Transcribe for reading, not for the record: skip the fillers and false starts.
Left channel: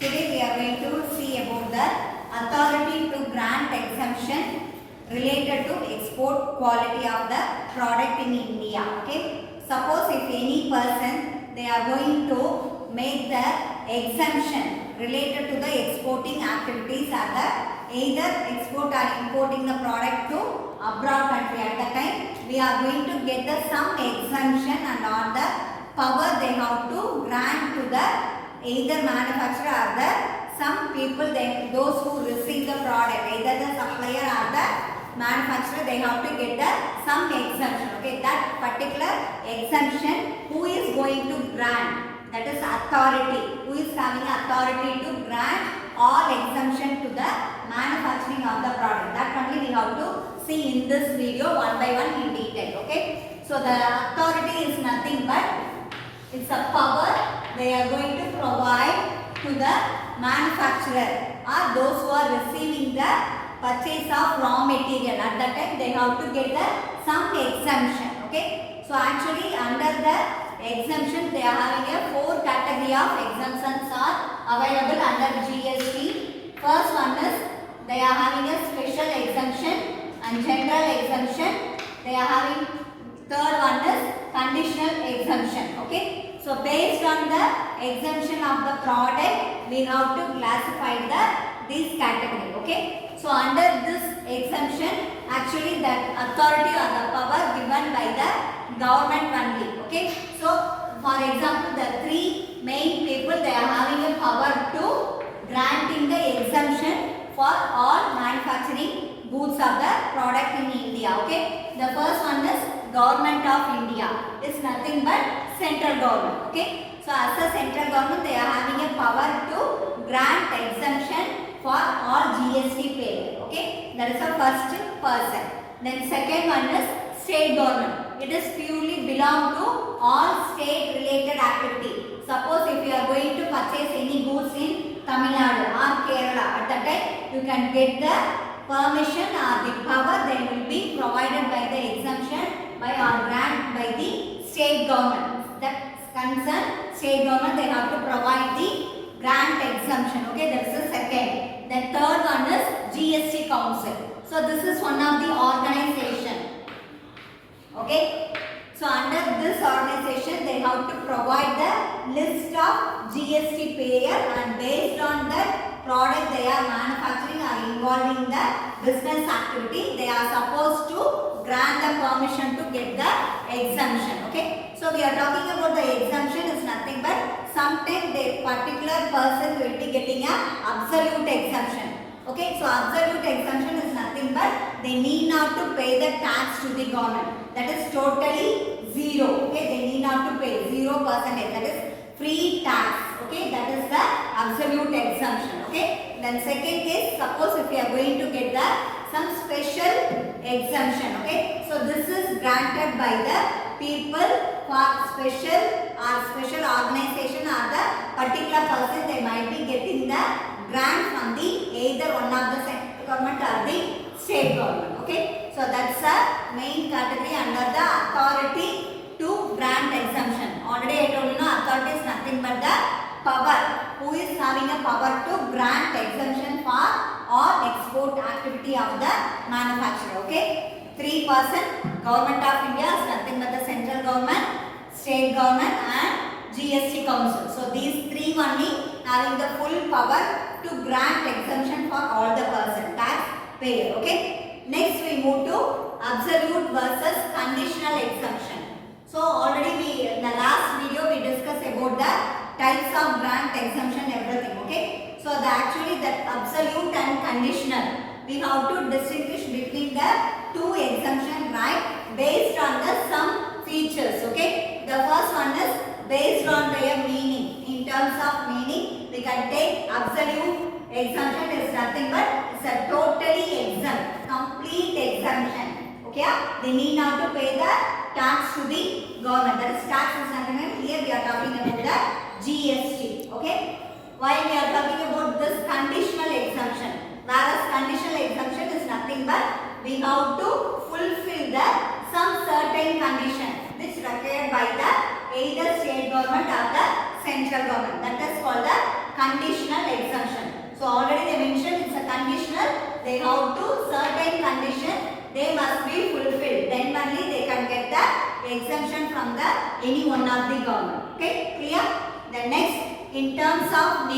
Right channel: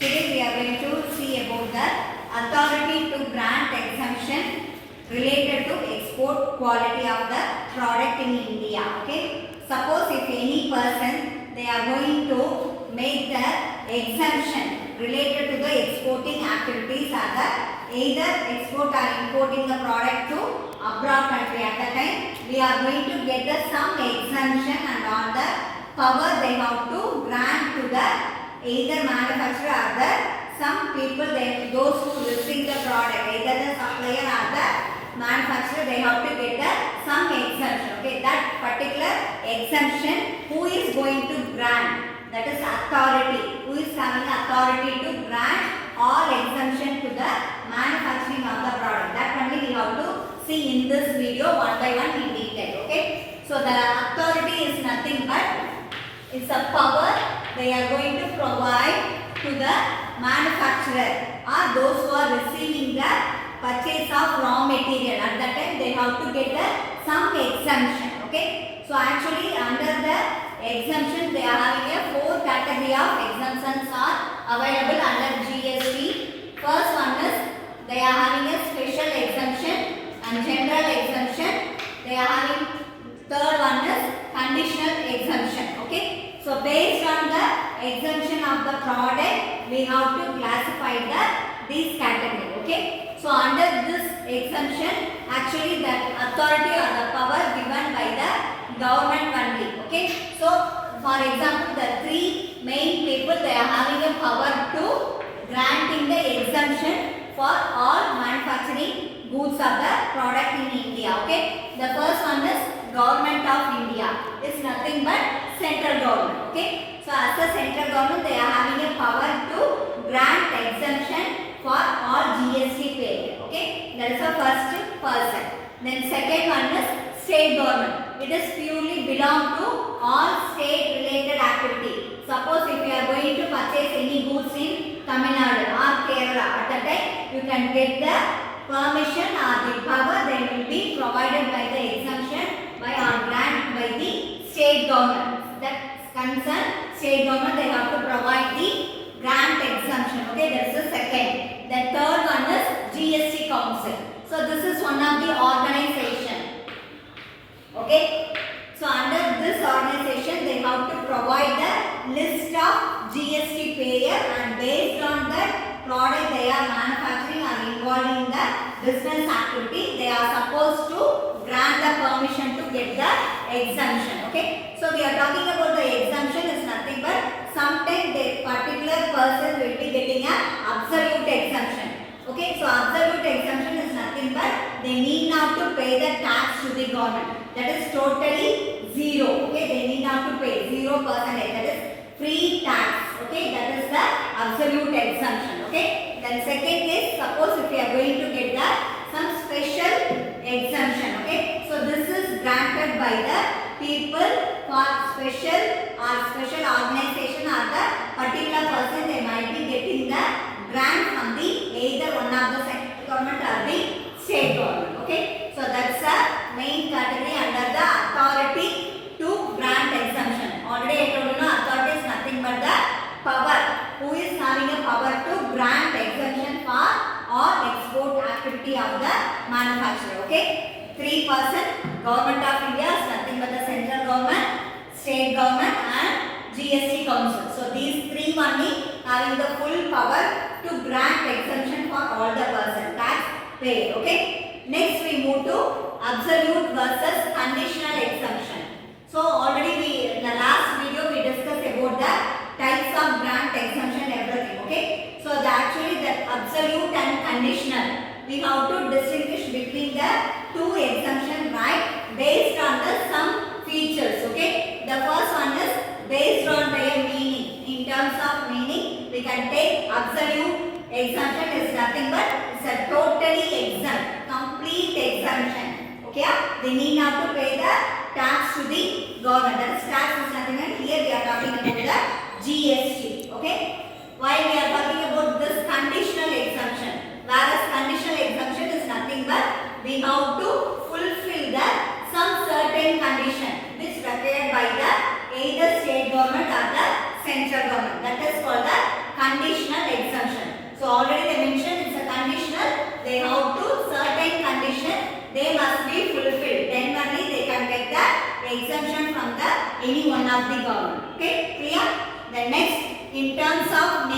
Today we are going to see about the authority to grant exemption related to export quality of the product in India. Okay. Suppose if any person they are going to make the exemption related to the exporting activities or the either export or importing the product to abroad country. At the time we are going to get the some exemption and all the power they have to grant to the either manufacturer or the some people those who receive the product, either the supplier or the manufacturer, they have to get the some exemption. Okay, that particular exemption who is going to grant, that is authority, who is having authority to grant all exemption to the manufacturing of the product. That only we have to see in this video one by one in detail. Okay, so the authority is nothing but it's a power they are going to provide to the manufacturer or those who are receiving the purchase of raw material. At that time they have to get the some exemption. Okay, so actually under the exemption they are having a 4 category of exemptions are available under GST. First one is they are having a special exemption and general exemption. They are having third one is conditional exemption. Okay, so based on the exemption of the product we have to classify these category. Okay, so under this exemption actually the authority or the power given by the government only. Okay, so for example the 3 main people they are having a power to granting the exemption for all manufacturing goods of the product in India. Okay, the first one is Government of India, is nothing but central government. Okay, so as a central government they are having a power to grant exemption for all GST payer. Okay, that is the first person. Then second one is state government. It is purely belong to all state related activity. Suppose if you are going to purchase any goods in Tamil Nadu or Kerala, at that time you can get the permission or the power they will be provided by the exemption by or grant by the state government. That concern state government they have to provide the grant exemption. Okay, that is the second. The third one is GST Council. So this is one of the organization. Okay, so under this organization they have to provide the list of GST payer and based on that product they are manufacturing or involving the business activity they are supposed to grant the permission to get the exemption. Okay, so we are talking about the exemption is nothing but sometimes the particular person will be getting an absolute exemption. Okay, so absolute exemption is nothing but they need not to pay the tax to the government, that is totally zero. Okay, they need not to pay 0%, that is free tax. Okay, that is the absolute exemption. Okay, then second case, suppose if you are going to get the some special exemption. Okay, so this is granted by the people for special organization or the particular person they might be getting the grant from the either one of the central government or the state government. Okay, so that's the main category under the authority to grant exemption. Already I told you authority is nothing but the power, who is having a power to grant exemption for all export activity of the manufacturer. Okay, 3% Government of India is nothing but the central government, state government and GST Council. So these 3 only having the full power to grant exemption for all the person tax payer. Okay, next we move to absolute versus conditional exemption. So already we in the last video we discussed about the types of grant exemption everything. Okay, so actually that absolute and conditional we have to distinguish between the 2 exemption, right, based on the some features. Okay, the first one is based on their meaning. In terms of meaning we can take absolute exemption is nothing but it's a totally exempt, complete exemption. Okay, they need not to pay the tax to the government, that is tax is nothing but here we are talking about the GST. Okay, while we are talking about this conditional exemption, whereas conditional exemption is nothing but we have to fulfill the some certain condition which required by the either state government or the central government, that is called the conditional already they mentioned it's a conditional. They have to certain condition they must be fulfilled. Then only they can get the exemption from the any one of the government. Okay, clear? The next, in terms of